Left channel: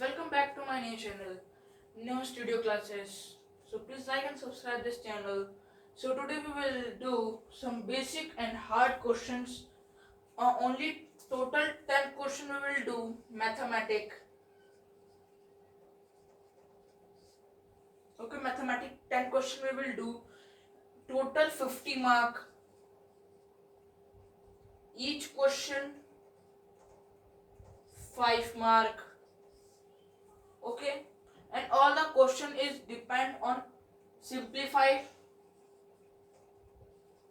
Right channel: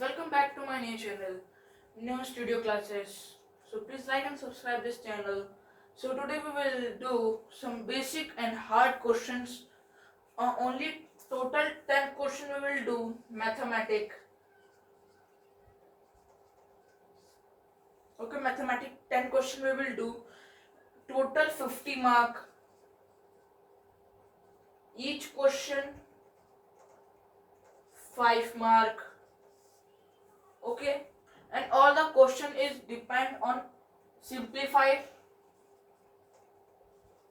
welcome back to my new channel, New Studio Classes. So please like and subscribe this channel. So today we will do some basic and hard questions. Only total 10 question we will do mathematic. Okay, mathematic 10 question we will do. Total 50 mark. Each question 5 mark. Okay, and all the question is depend on simplified,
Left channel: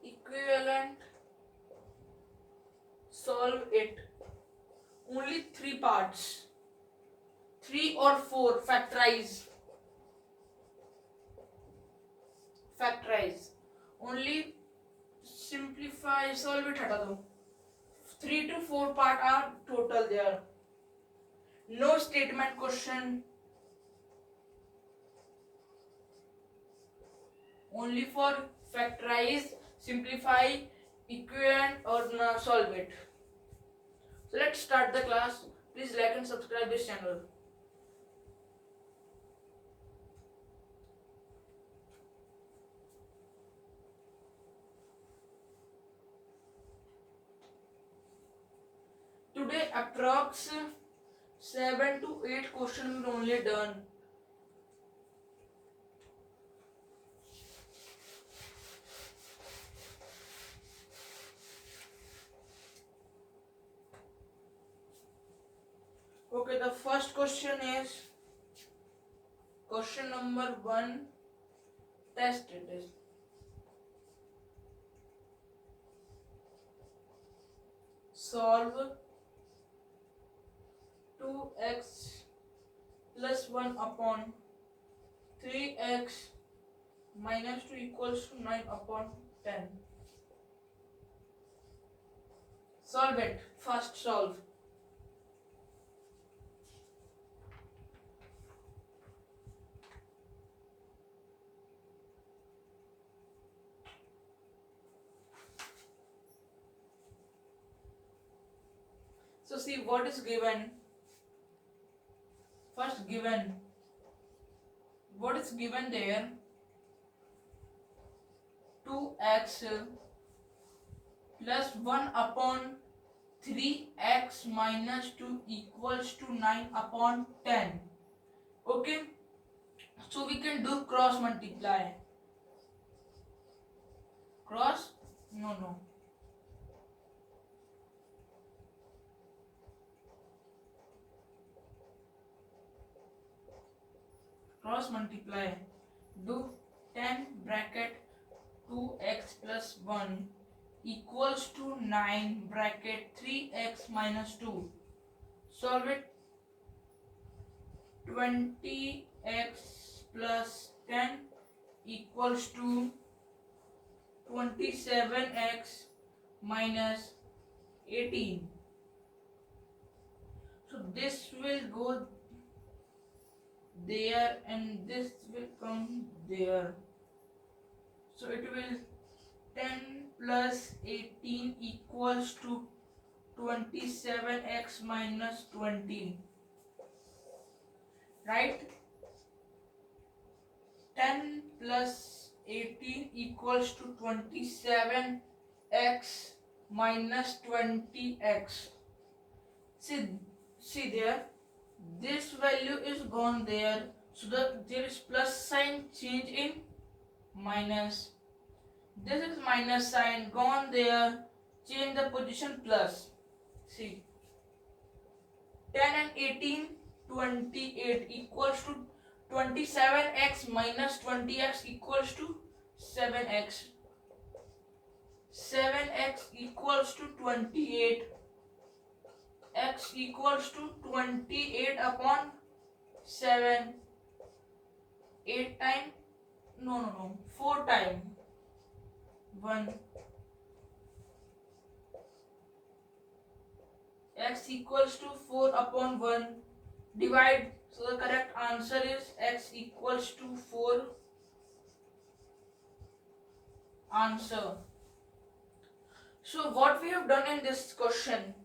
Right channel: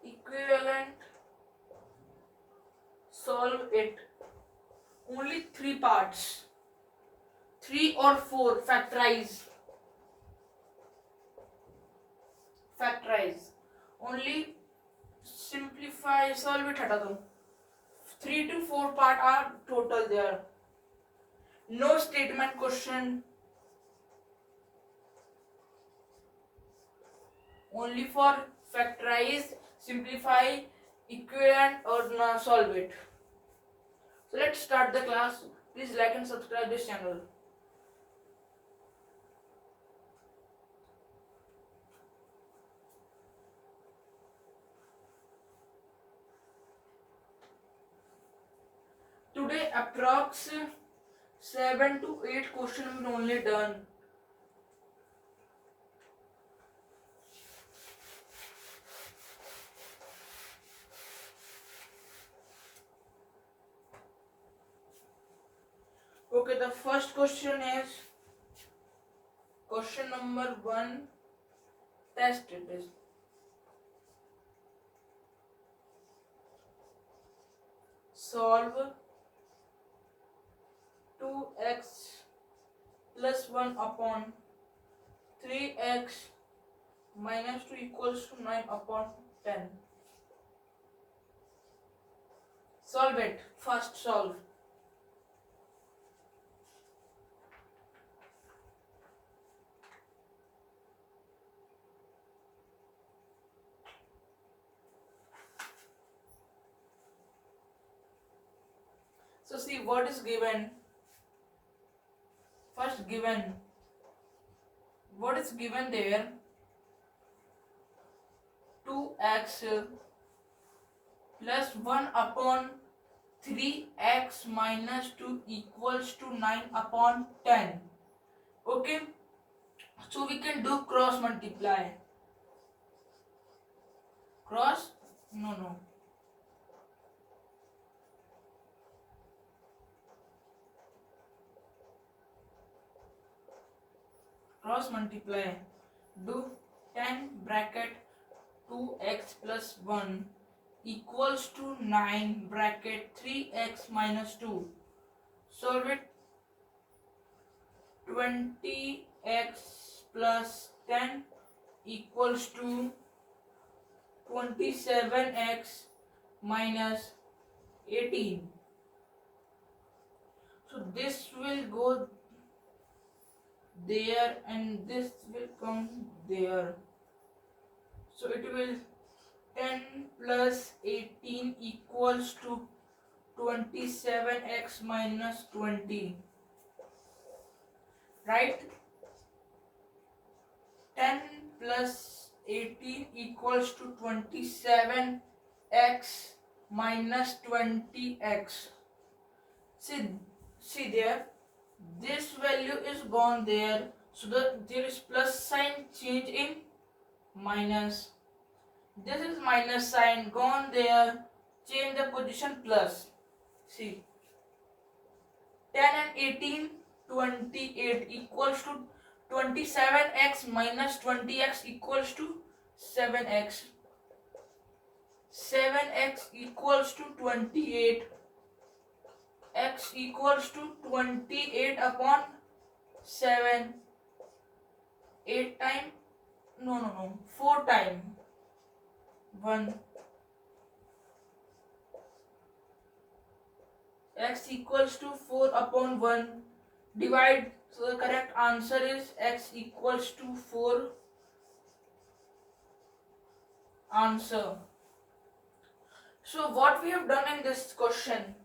equivalent, solve it. Only 3 parts, 3 or 4. Factorize. Only simplify, solve it हटा दो. 3 to 4 part are total there. No statement question. Only for factorize, simplify, equivalent or solve it. So let's start the class. Please like and subscribe this channel. Today approx 7 to 8 questions we only done. Okay, the first question is question number 1. Test it is. Solve 2x plus 1 upon 3x minus 2 equals to 9 upon 10. Solve it. First solve. So see what is given. First given. What is given there? 2x plus 1 upon 3x minus 2 equals to 9 upon 10. Okay. So we can do cross multiply. Cross? No. Cross multiply. Do 10 bracket 2x plus 1 equals to 9 bracket 3x minus 2. Solve it. 20x plus 10 equals to 27x minus 18. So this will go there and this will come there. So it will 10 plus 18 equals to 27x minus 20. Right? 10 plus 18 equals to 27x minus 20x. See there. This value is gone there. So there is plus sign change in minus. This is minus sign gone there. Change the position plus. See. 10 and 18, 28 equals to 27x minus 20x equals to 7x. 7x equals to 28. X equals to 28 upon 7. 8 time. No. 4 time. 1. X equals to 4 upon 1. Divide. So the correct answer is x equals to 4. Answer. So what we have done in this question?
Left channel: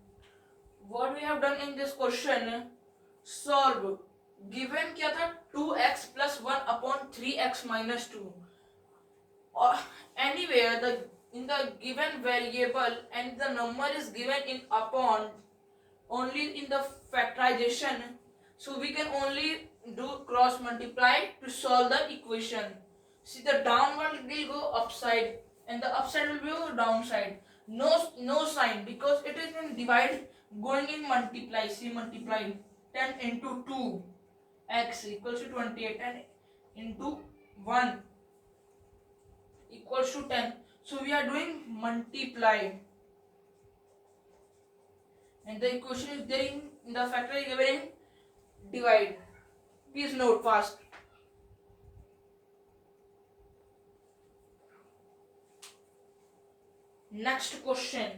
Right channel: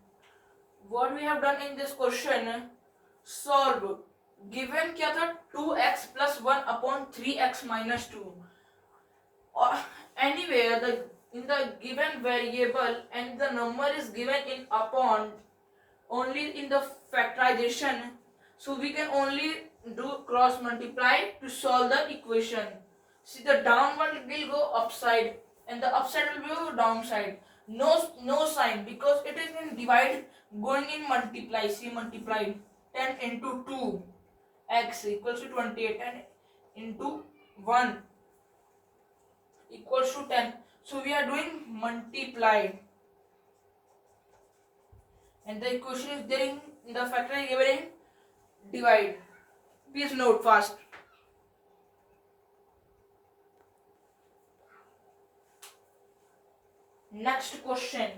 Solve given क्या था 2x plus 1 upon 3x minus 2. Or anywhere in the given variable and the number is given in upon only in the factorization, so we can only do cross multiply to solve the equation. See, the downward will go upside and the upside will go downside. No sign because it is in divide going in multiply. See, multiply 10 into 2 x equals to 28 and into 1 equals to 10. So we are doing multiply and the equation is there in the factor given in divide. Please note fast. Next question.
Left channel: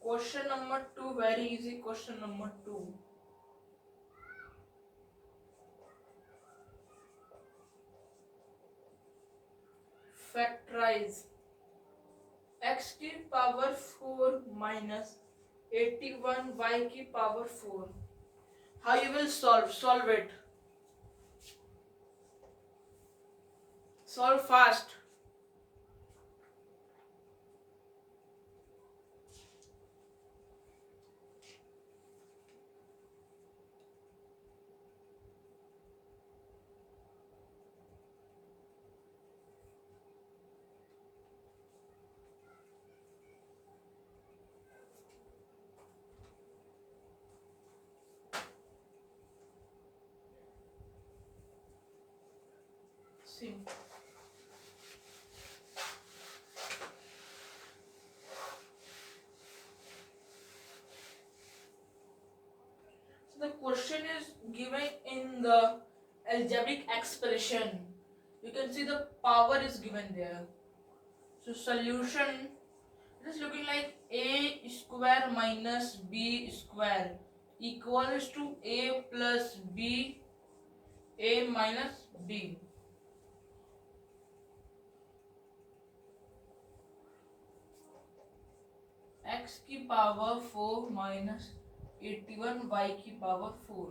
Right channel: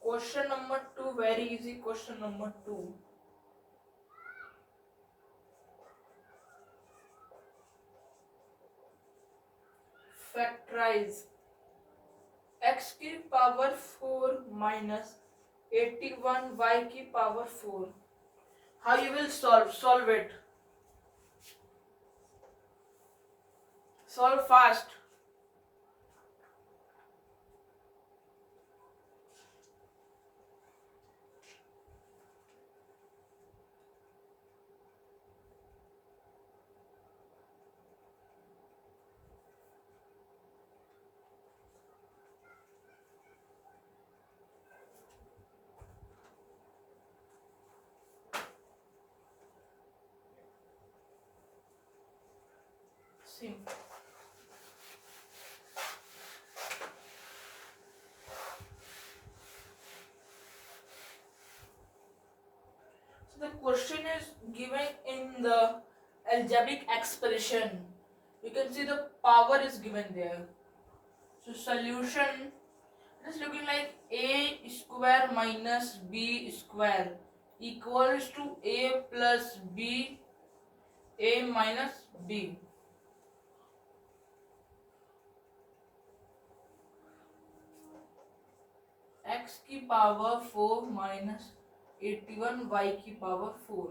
Question number 2, very easy question number 2. Factorize x की power 4 minus 81 y की power 4. How you will solve it? Solve fast. See. So the question is given in the algebraic expression. You can see the power is given there. So solution is looking like a square minus b square equals to a plus b, a minus b. x की power 4 minus 81 y की power 4.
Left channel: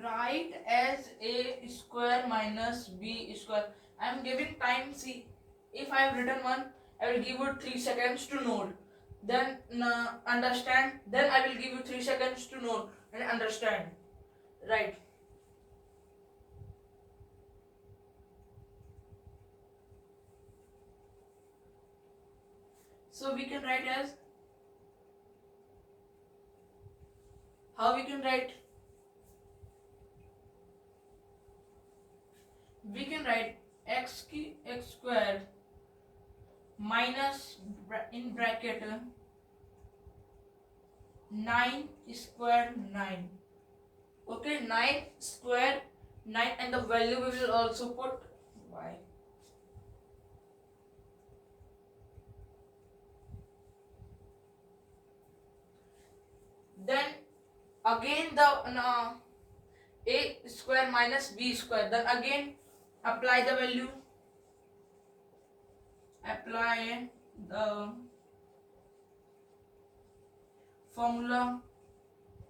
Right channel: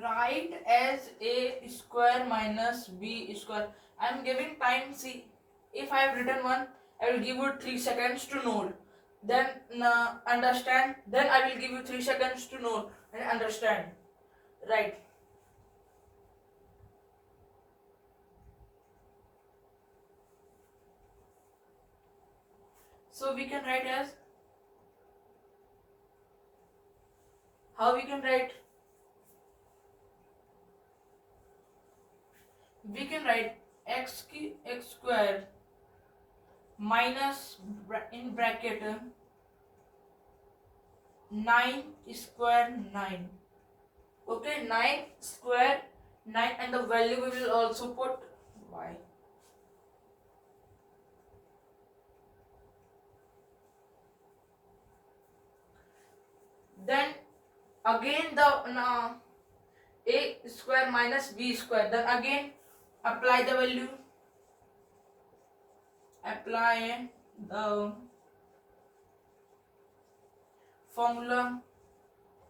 Write as a square minus b square. I am giving time. See, if I have written one, I will give you 3 seconds to note. Then understand. Then I will give you 3 seconds to note and understand. Right. So we can write as, how we can write? We can write x square minus in bracket 9 square 9. Okay, 9 square 9 and the value we will also put y. Then again the a square minus b square. Then again apply the value. Apply the formula.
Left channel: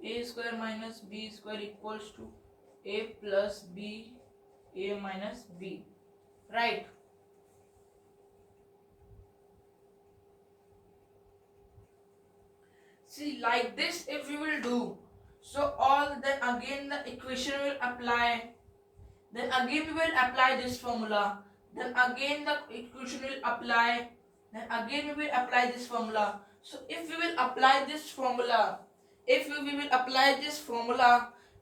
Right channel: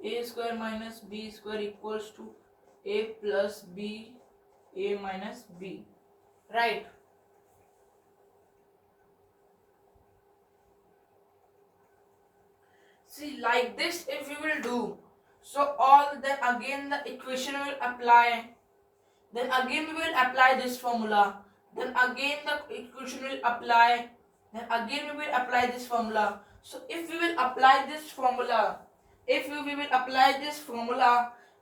A square minus b square equals to a plus b, a minus b. Right. See, like this if we will do, so all then again the equation will apply. Then again we will apply this formula. Then again the equation will apply. Then again we will apply this formula. So if we will apply this formula,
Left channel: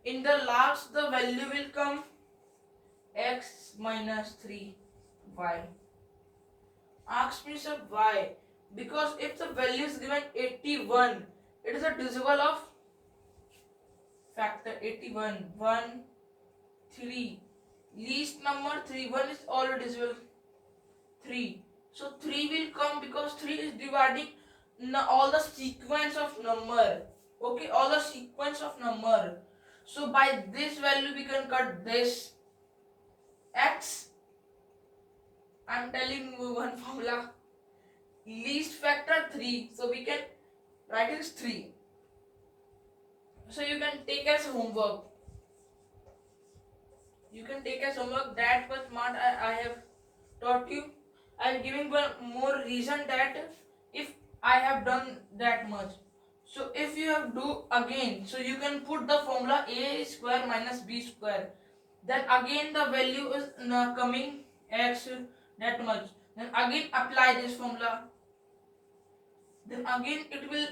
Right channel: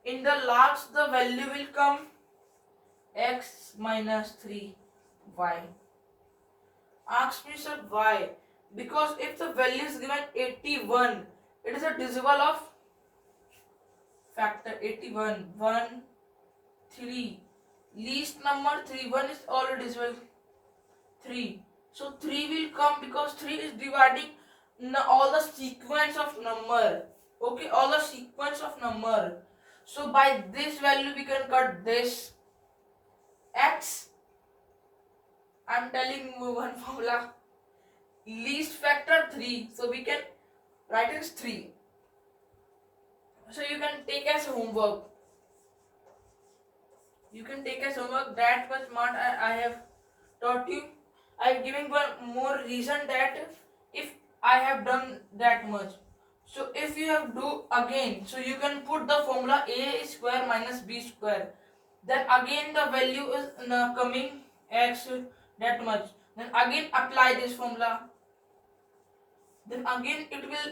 in the last the value will come x minus 3y. Ask me, sir, why? Because if the value is given 81, it is a divisible of factor 81. 1, 3. Least number 3. 1 is already divisible 3. So 3 will come because 3 is dividing all the sequence of number. Okay, all the sequence of number. So by this value we can cut this x. I'm telling you one formula. Least factor 3. So we can write it as 3. So you can take as homework. You can take as homework that much amount I have taught you. I am giving one more reason that if I have done that much. So if you have do again, so you can put the formula a square minus b square. Then again the value is coming x that much. Then again apply this formula. Then again it will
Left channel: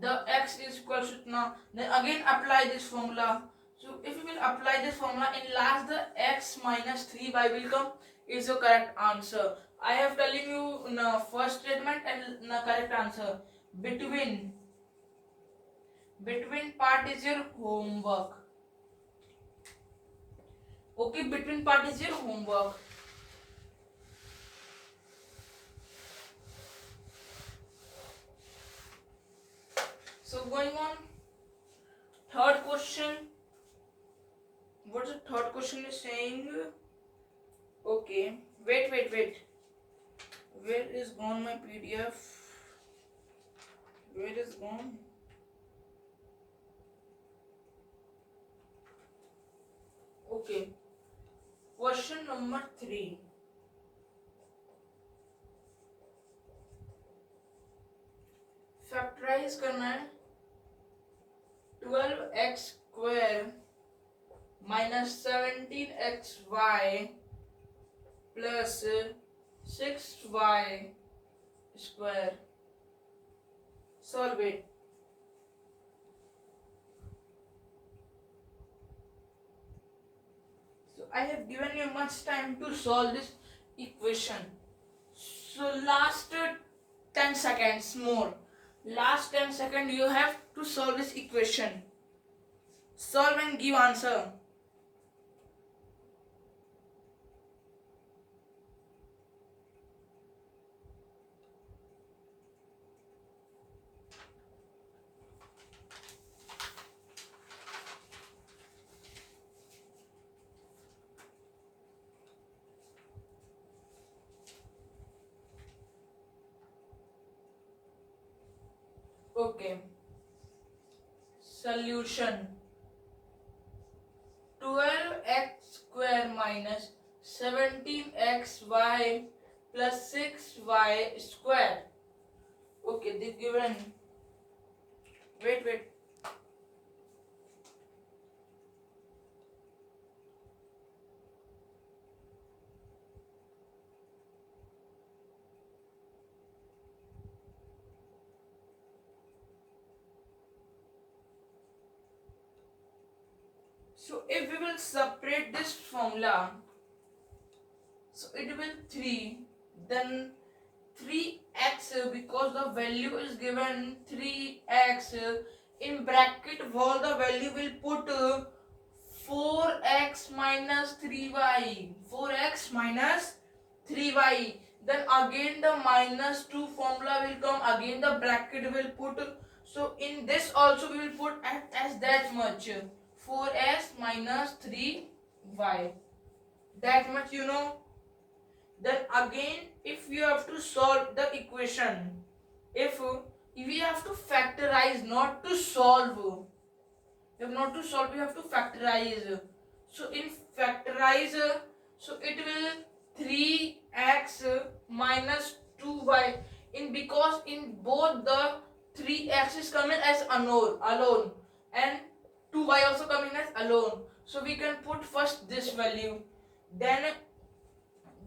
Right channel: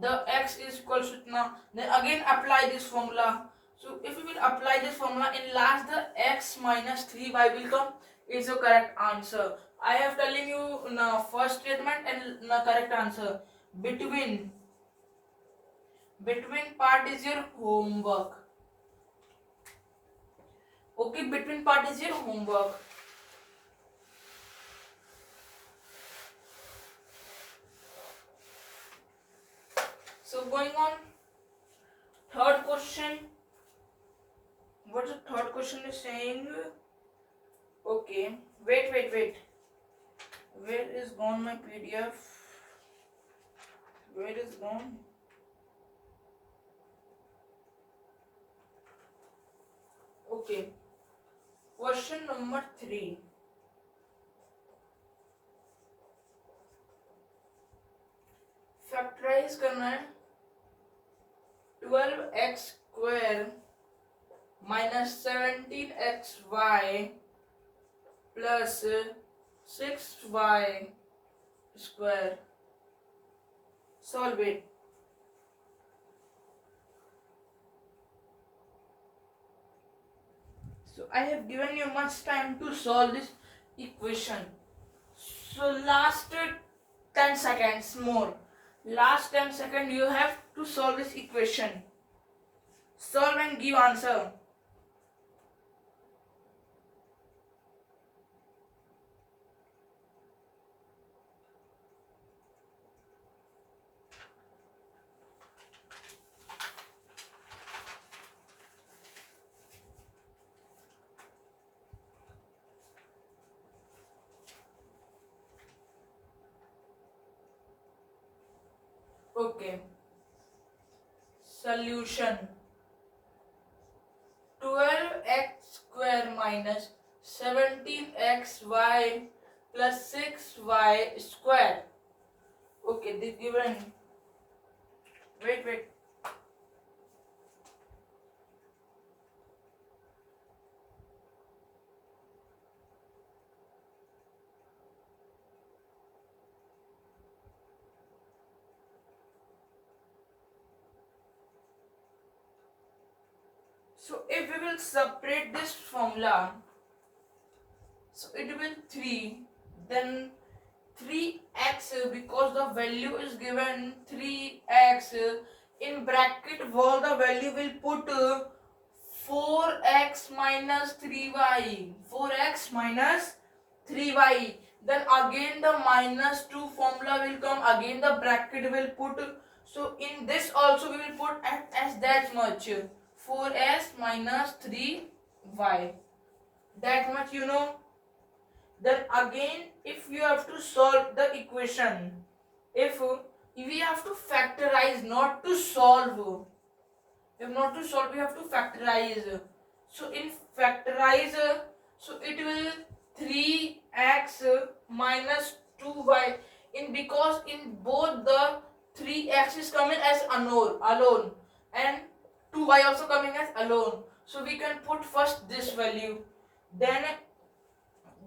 the x is equals to then again apply this formula. So if you will apply this formula, in last the x minus 3y will come is your correct answer. I have telling you first statement and correct answer. Between part is your homework. Okay, between part is your homework. So going on, third question. What the third question is saying? Okay, wait. Where is gone my PDF? Where is gone? Okay. Question number 3. Factorize करना है 12x square minus 17xy plus 6y square. Solve it. So I have given you much time to solve this equation. So last 10 seconds more. Last 10 seconds you have to solve this equation. Solve and give answer. Okay. Solution. 12x square minus 17xy plus 6y square. Okay, this given. Wait. So if we will separate this formula, so it will 3, then 3x because the value is given 3x in bracket all the value will put 4x minus 3y, 4x minus 3y, then again the minus 2 formula will come, again the bracket will put, so in this also we will put as that much 4s minus 3y, that much you know. Then again if you have to solve the equation, if we have to factorize, not to solve, if not to solve we have to factorize. So in factorize, so it will 3x minus 2y, in because in both the 3x is coming as alone and 2y also coming as alone, so we can put first this value, then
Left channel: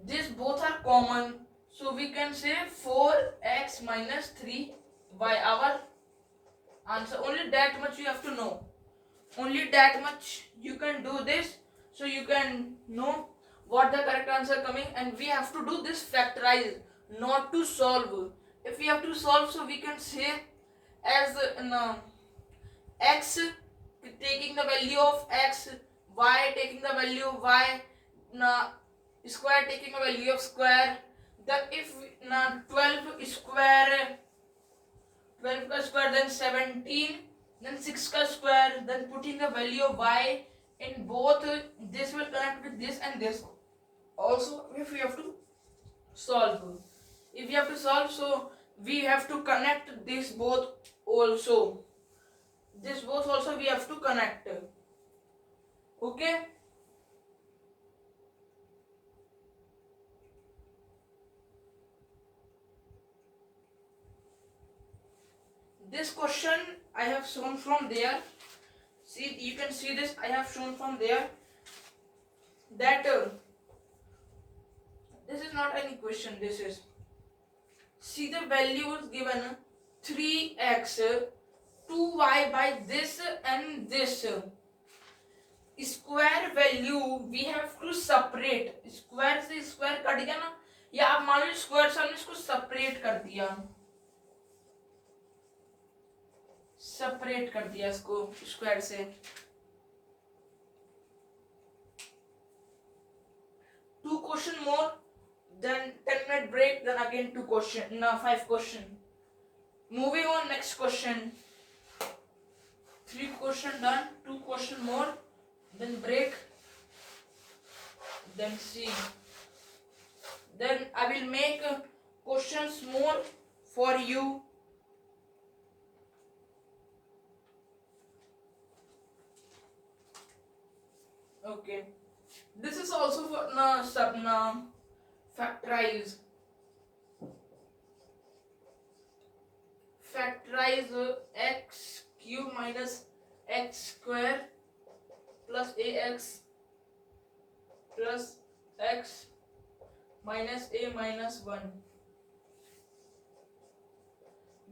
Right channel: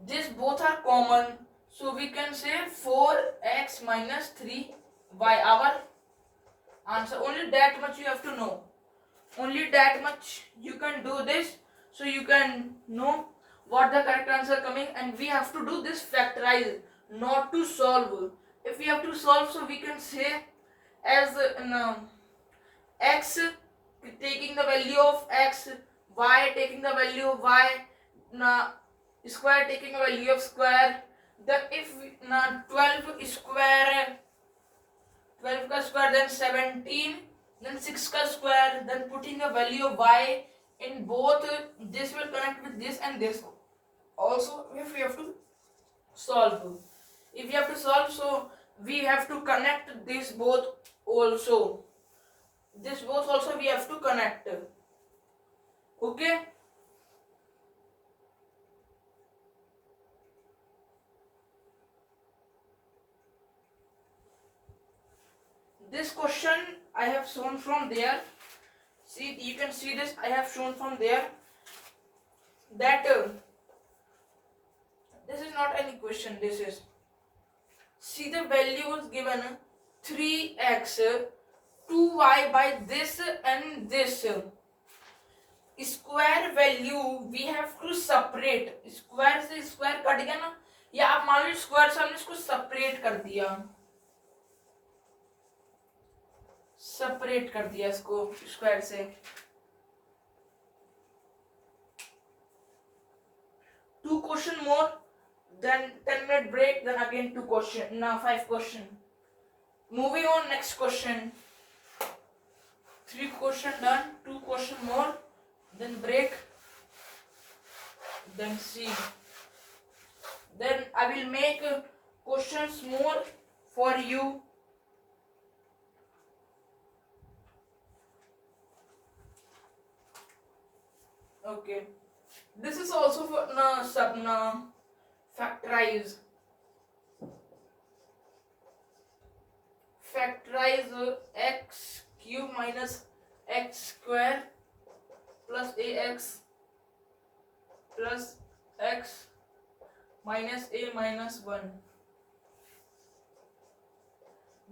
this both are common, so we can say 4x minus 3y our answer. Only that much you have to know, only that much you can do this, so you can know what the correct answer coming, and we have to do this factorize, not to solve. If we have to solve, so we can say as x, taking the value of x y taking the value of y, square taking a value of square. Then if 12 square, 12 का square, then 17, then 6 का square, then putting the value of y in both, this will connect with this and this. Also if we have to solve, if we have to solve, so we have to connect this both also, this both also we have to connect. Okay, this question I have shown from there. See, you can see this, I have shown from there that this is not any question, this is, see the value is given 3x 2y by this and this. Square value we have to separate, square से square cut गया ना, या आप मान लो square से हमने इसको separate कर दिया, सेपरेट कर दिया इसको स्क्वायर से. 2 question more, then 10-minute break, then again 2 question, now 5 question. Moving on, next question. 3 question done, 2 question more, then break, then see. Then I will make questions more for you. Okay. This is also for factorize. Factorize x cube minus x square plus ax plus x minus a minus 1.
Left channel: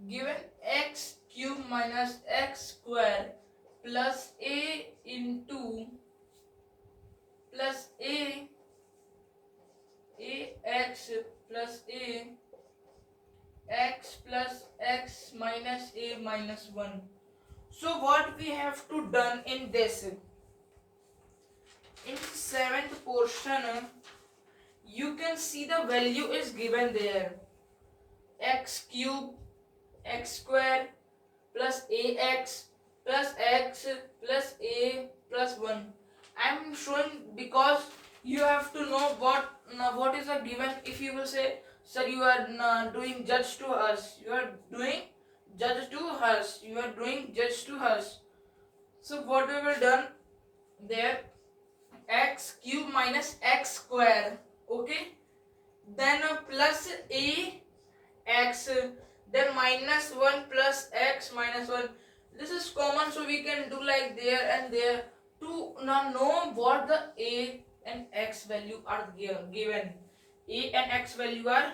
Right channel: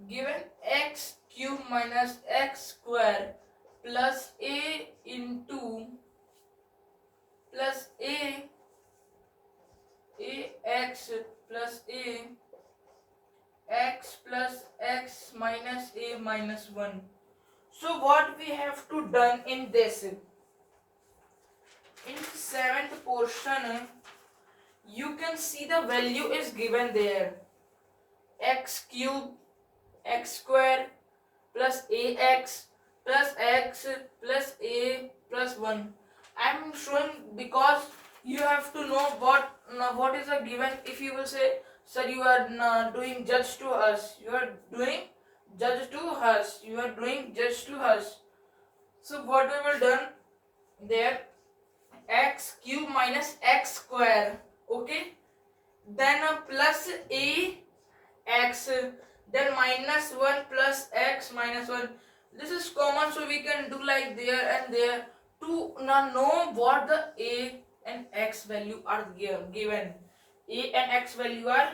Given x cube minus x square plus a into plus a x plus a x plus x minus a minus 1. So what we have to done in this, in 7th portion, you can see the value is given there, x cube x square plus ax plus x plus a plus 1. I am showing because you have to know what is a given. If you will say, sir, you are doing judge to us, you are doing judge to us, you are doing judge to us. So what we will done there, x cube minus x square, okay, then plus a x, then minus 1 plus x minus 1. This is common, so we can do like there and there to know what the a and x value are given. A and x value are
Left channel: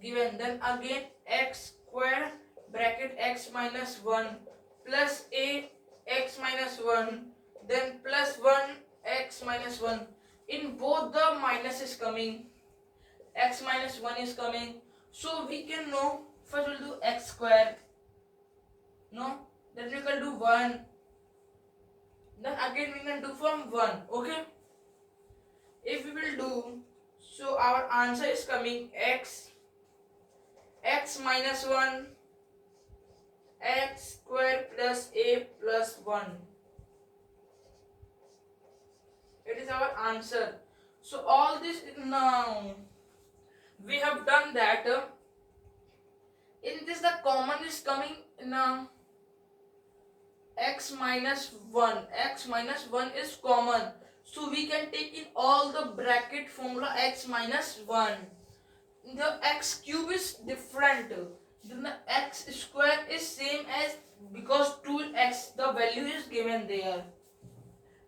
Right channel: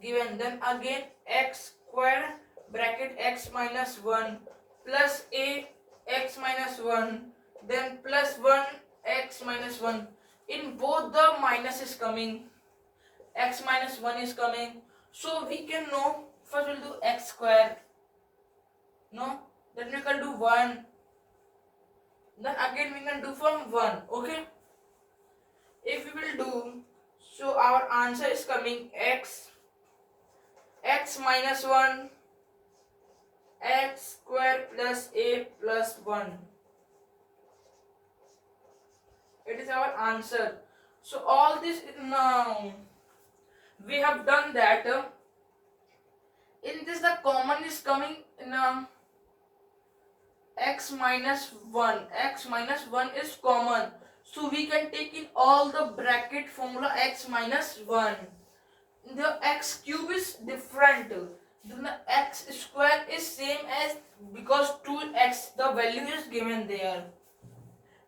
given. Then again x square bracket x minus 1 plus a x minus 1, then plus 1 x minus 1. In both the minus is coming, x minus 1 is coming, so we can know. First we'll do x square, no, then we can do 1, then again we can do from 1. Okay, if we will do, so our answer is coming x minus 1 x square plus a plus 1. It is our answer. So all this now we have done that. In this the common is coming in x minus 1. X minus 1 is common, so we can take in all the bracket formula x minus 1. The x cube is different, then the x square is same as, because 2x the value is given there.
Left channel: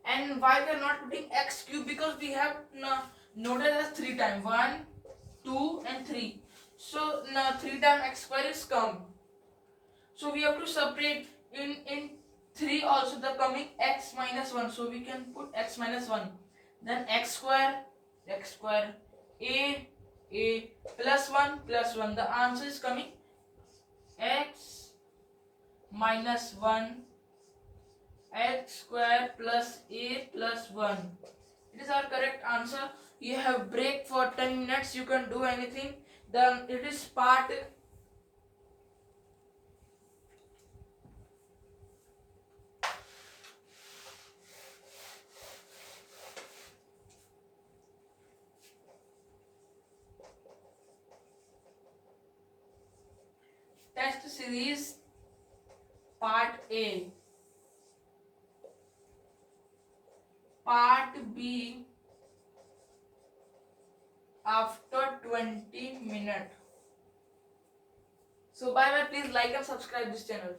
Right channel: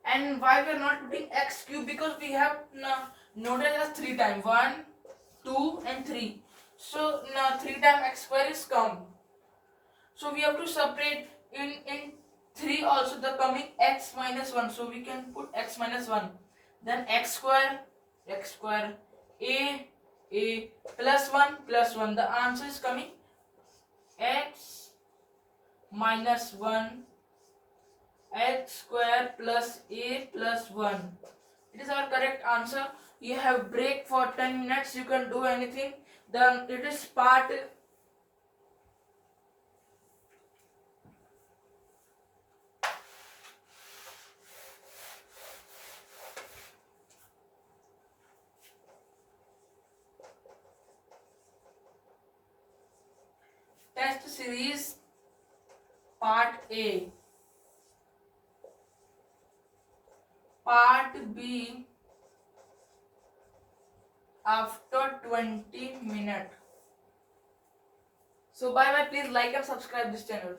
And why we are not putting x cube, because we have noted as 3 times, 1 2 and 3. So now 3 times x square is come, so we have to separate in 3 also the coming x minus 1, so we can put x minus 1, then x square a plus 1. The answer is coming x minus 1 x square plus a plus 1. It is our correct answer. You have break for 10 minutes. You can do anything. Then it is part test series part A. Part B after 20 minutes. So bye bye. Please like and subscribe this channel.